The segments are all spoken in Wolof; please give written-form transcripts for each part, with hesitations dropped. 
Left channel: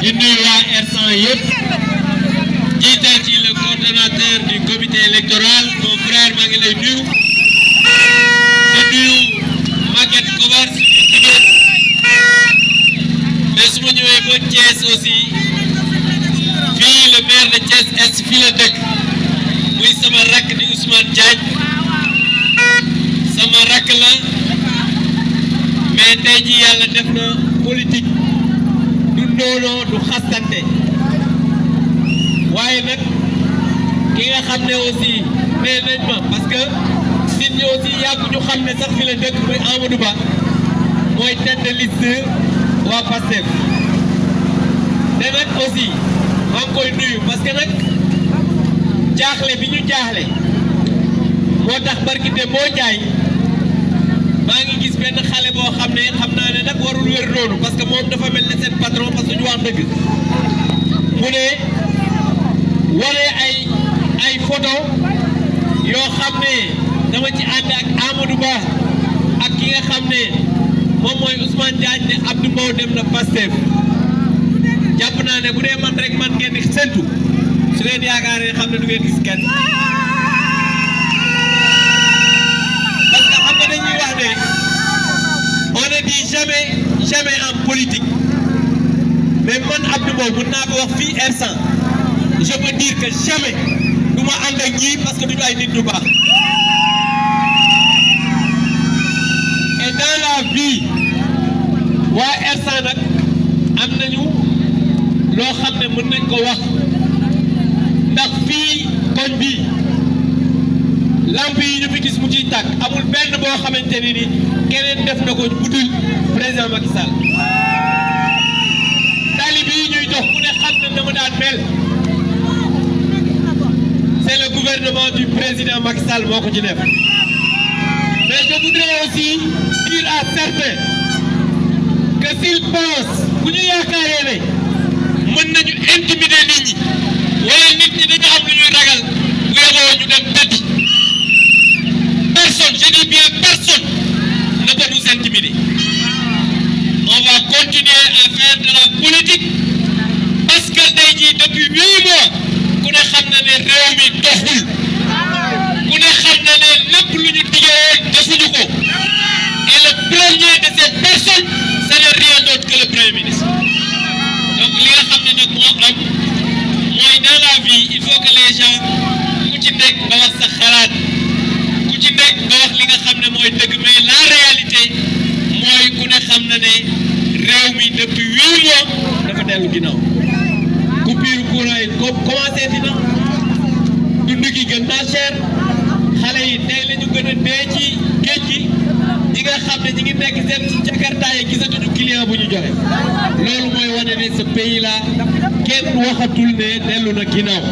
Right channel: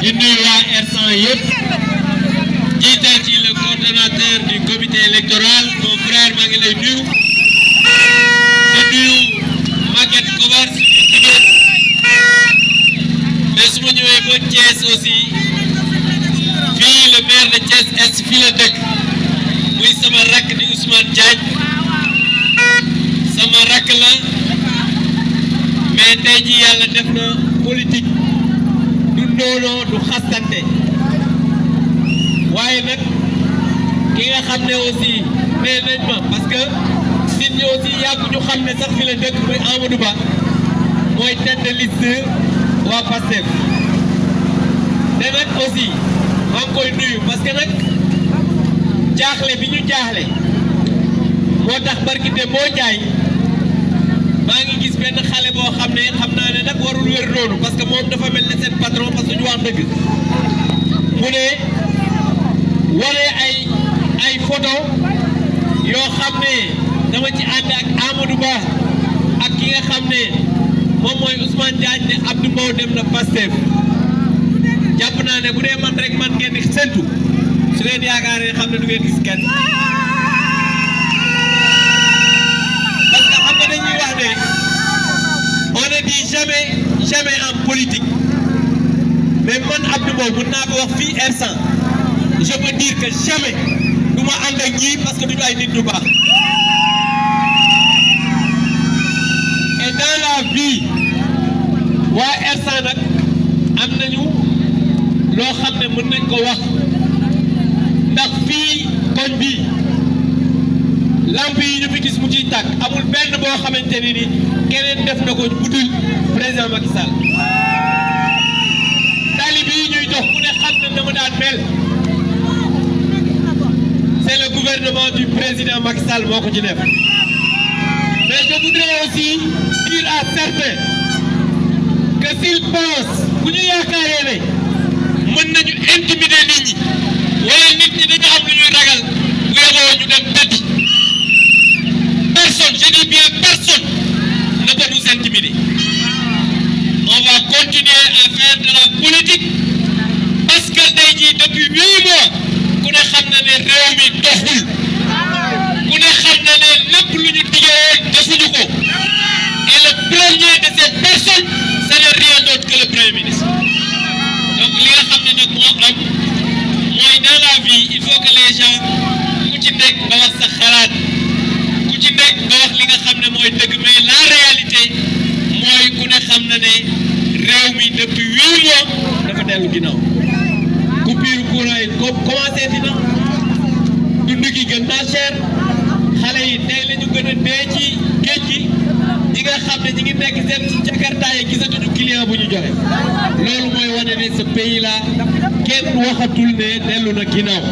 di nuyu waa R100 yëpp jiital ci le coordonnateur du comité électoral mon frère maa ngi lay nuyu di nuyu Maguette Kobar mais su ma ñëwee ba Thiès aussi fii le maire de Thiès Est fii la dëkk muy sama rakk di Ousmane Diagne sama rakk la mais tey jii yàlla def na politique du noonoo du xastante waaye nag ki nga xam ne aussi nee nañ ma parce que nit ñi aussi yàgg ñu xam ne sax fi la dëkk muy Amadou Ba mooy tête de liste waa Pastef te nag aussi maa ngi koy nuyu parce que nag jaaxle bi ñu jaaxle moo tax barki de moo jaay maa ngi gis benn xale boo xam ne xam naa ne nag warul wér noonu parce que moom dafa mel ne seen patron parce que ñu wax dëgg mu ne wane ay photo yoo xam ne dama ci ànd ak Amadou Ba ak ki nga xam ne moom mooy Ousmane Diagne ne Abdou Mbow dem na Pastef jàpp naa ne bu dee man rek man ngeen di séntu su leen yaakaaree xam ne du ngeen gis kenn parce que xam nga dañuy wax ne on ne dit jamais en politique mais man Abdou Mbow mën naa ko wax fii R100 je peux dire que jamais du ma ànd ak ñii parce que duñu ay nit ñu baax et dans la vie waa R100 nag am nañu loo xam ne mën nañ ko wax ndax fii koñ bi lamp yi ñu fi gis mu ciy tàkk amul benn boo xamante ni keneen def na ko budul président Macky Sall tali bi ñuy dox ku ne xam na dama daan mel c'est le gouvernement du président Macky Sall moo ko ci def mais je voudrais aussi dire à certains que s'ils pensent bu ñu yaakaaree ne mën nañu intimider nit ñi wala nit ñi dañu am lu ñuy ragal bu yeboo ñu dem tëddi personne je dis bien personne ne peut nous intimider on va continuer à faire de la politique parce que tey jii depuis 8 mois ku ne xam na ne réew mi doxul ku ne xam na ne lépp lu ñu diggee defuñu ko et le premier de ces personnes ce n'est rien d'autre que le premier ministre donc li nga xam ne nag moo am mooy dans la vie il faut que les gens ku ci nekk nga wax sa xalaat ku ci nekk nga wax li nga xam ne mooy dëgg mais la réalité mooy ku ne xam na ne réew mi depuis 8 mois dafa dellu ginnaaw coupure courant yi commencé dina dund gi gën naa cher xale yi tey la ñu gën a dee ci géej gi ñi nga xam ne ñi ngi nekk seen ci Jakarta yi gisatuñu client bu ñu joxe loolu mooy wane ne ce pays là kenn waxatul ne dellu na ginnaaw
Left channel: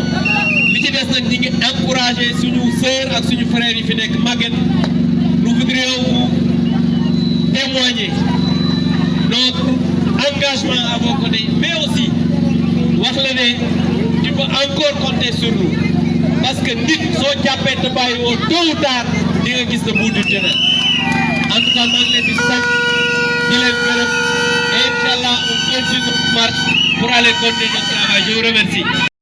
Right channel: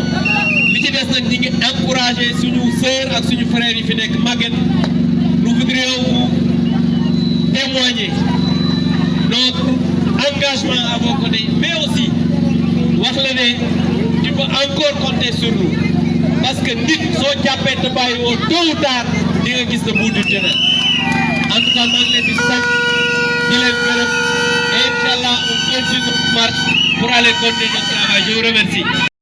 li ci des nag ñi ngi encouragé suñu sœur ak suñu frères yi fi nekk Maguette nous voudrions vous témoigner notre engagement à vos côtés mais aussi wax la ne tu peux encore compter sur nous parce que nit soo jàppee te bàyyi woo tôt ou tard di nga gis le bout du tunnel en tout cas maa ngi leen di sant di leen gërëm et incha allah on continue notre marche pour aller continuer notre travail je vous remercie.